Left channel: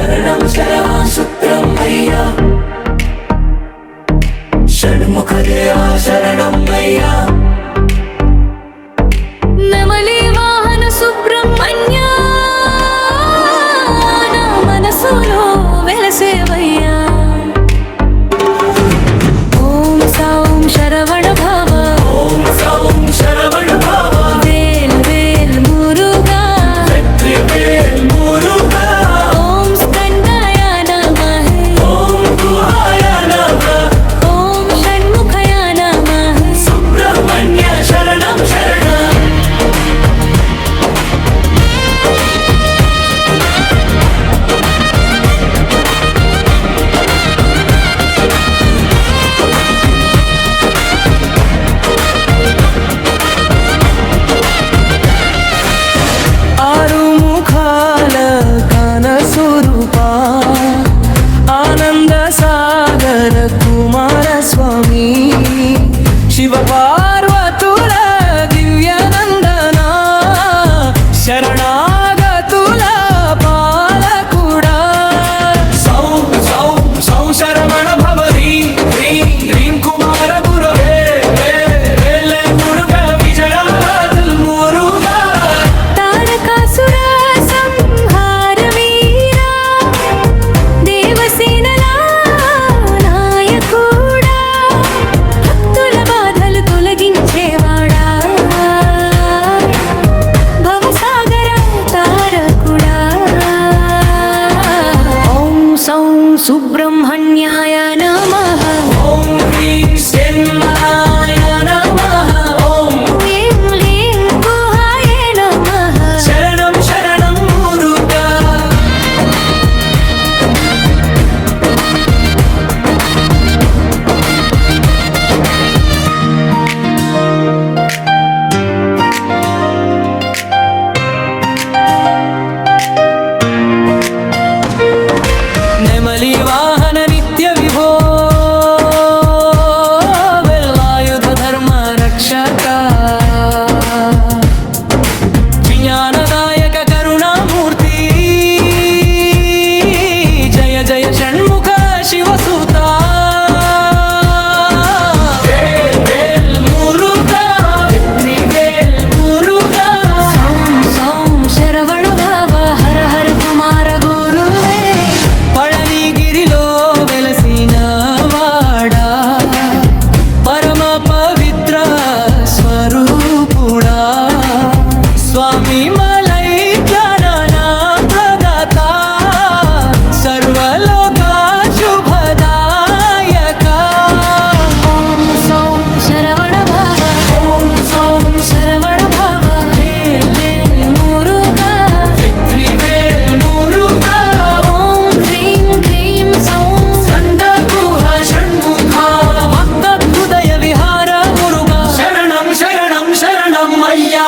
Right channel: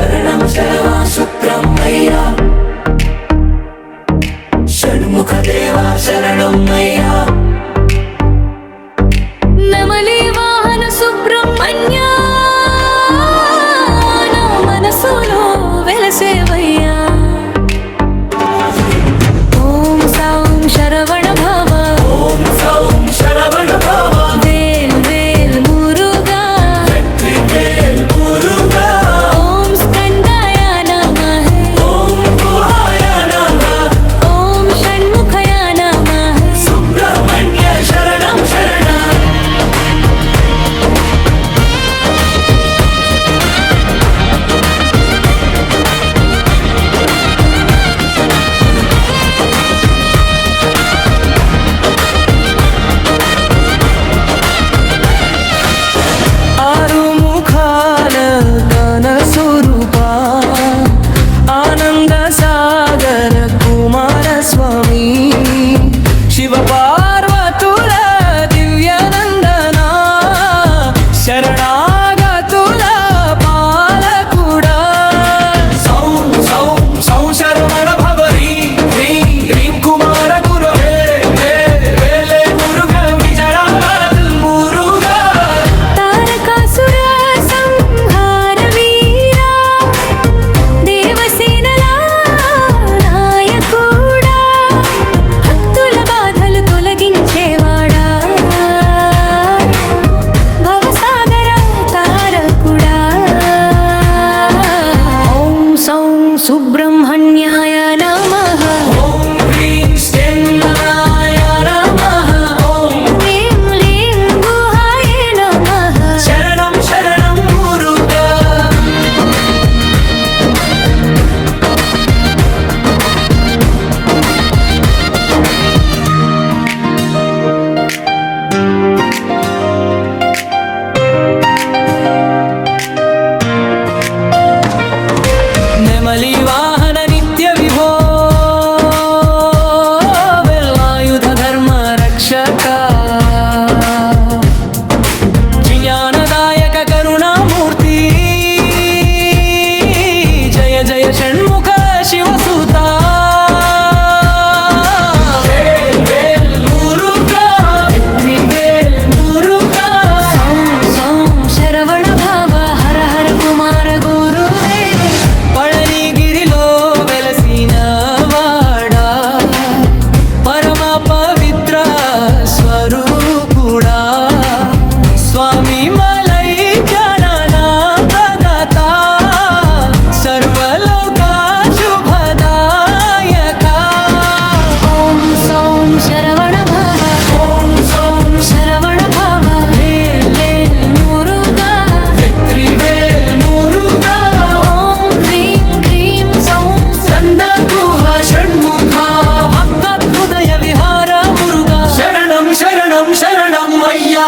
శరణం శరవా సుబ్రహ్మయ్య షణ్ముఖ దేవా శరణం అయ్యా నెమలి వాహన సుబ్రహ్మణ్య నా మనసులో వెలసేవయ్యా ఓం సౌం శరవణ భవ ఓం సౌం శరవణ భవ వేల్ వేల్ మురుగా వెట్రి వేల్ మురుగా ఓం స్కందాయ నమః ఓం గుహాయ నమః ఓం షణ్ముఖయ నమః సుబ్రహ్మణ్య శరణం శరణం ఆరు ముఖాల కనసురూపా ఆనంద సాగర కుమార స్వామి శివ పార్వతుల దివ్యనందన శరణాగతుల పాలకుడా సౌం సౌం సౌ శరవణ భవ హ్రీం హ్రీం హ్రీం కుమార గురవే వేలే మురుగా విజయాదల్ మురుగా తారకాసుర సంహార వీరా దేవసేనల నాయకుడా భక్తుల బాధలు తొలగించేవాడా భవసాగర తారకుడా ఓం సౌం సుబ్రహ్మణ్యాయ నమః ఓం హ్రీం శ్రీనాయ నమః ఓం హ్రీం లీం గుహాయ నమః శరణం శరణం మురుగా నెమలి వాహన నిత్య విభో వెల్లాయుధ ధర్మ రక్షక జ్ఞానదాయక కరుణామూర్తి జయ జయ షణ్ముఖ శివసుత వేల్ వేల్ మురుగా వెట్రి వేల్ మురుగా సౌం సౌం శరవణ భవ హర హర కుమార గురువే పళనిగిరిలో వెలసిన వాడా పరమ పవిత్ర స్వరూపుడా స్వామి మలై జనన ప్రదాత సర్వలోక శుభదాయక ఓం సౌం శరవణ భవ ఓం సౌం శరవణ భవ వేల్ వేల్ మురుగా వెట్రి వేల్ మురుగా ఓం హ్రీం క్లీం సౌం స్కంద గుహ షణ్ముఖ భక్త హృదయ విహార మురుగా శరణం శరణం శరణం అయ్యా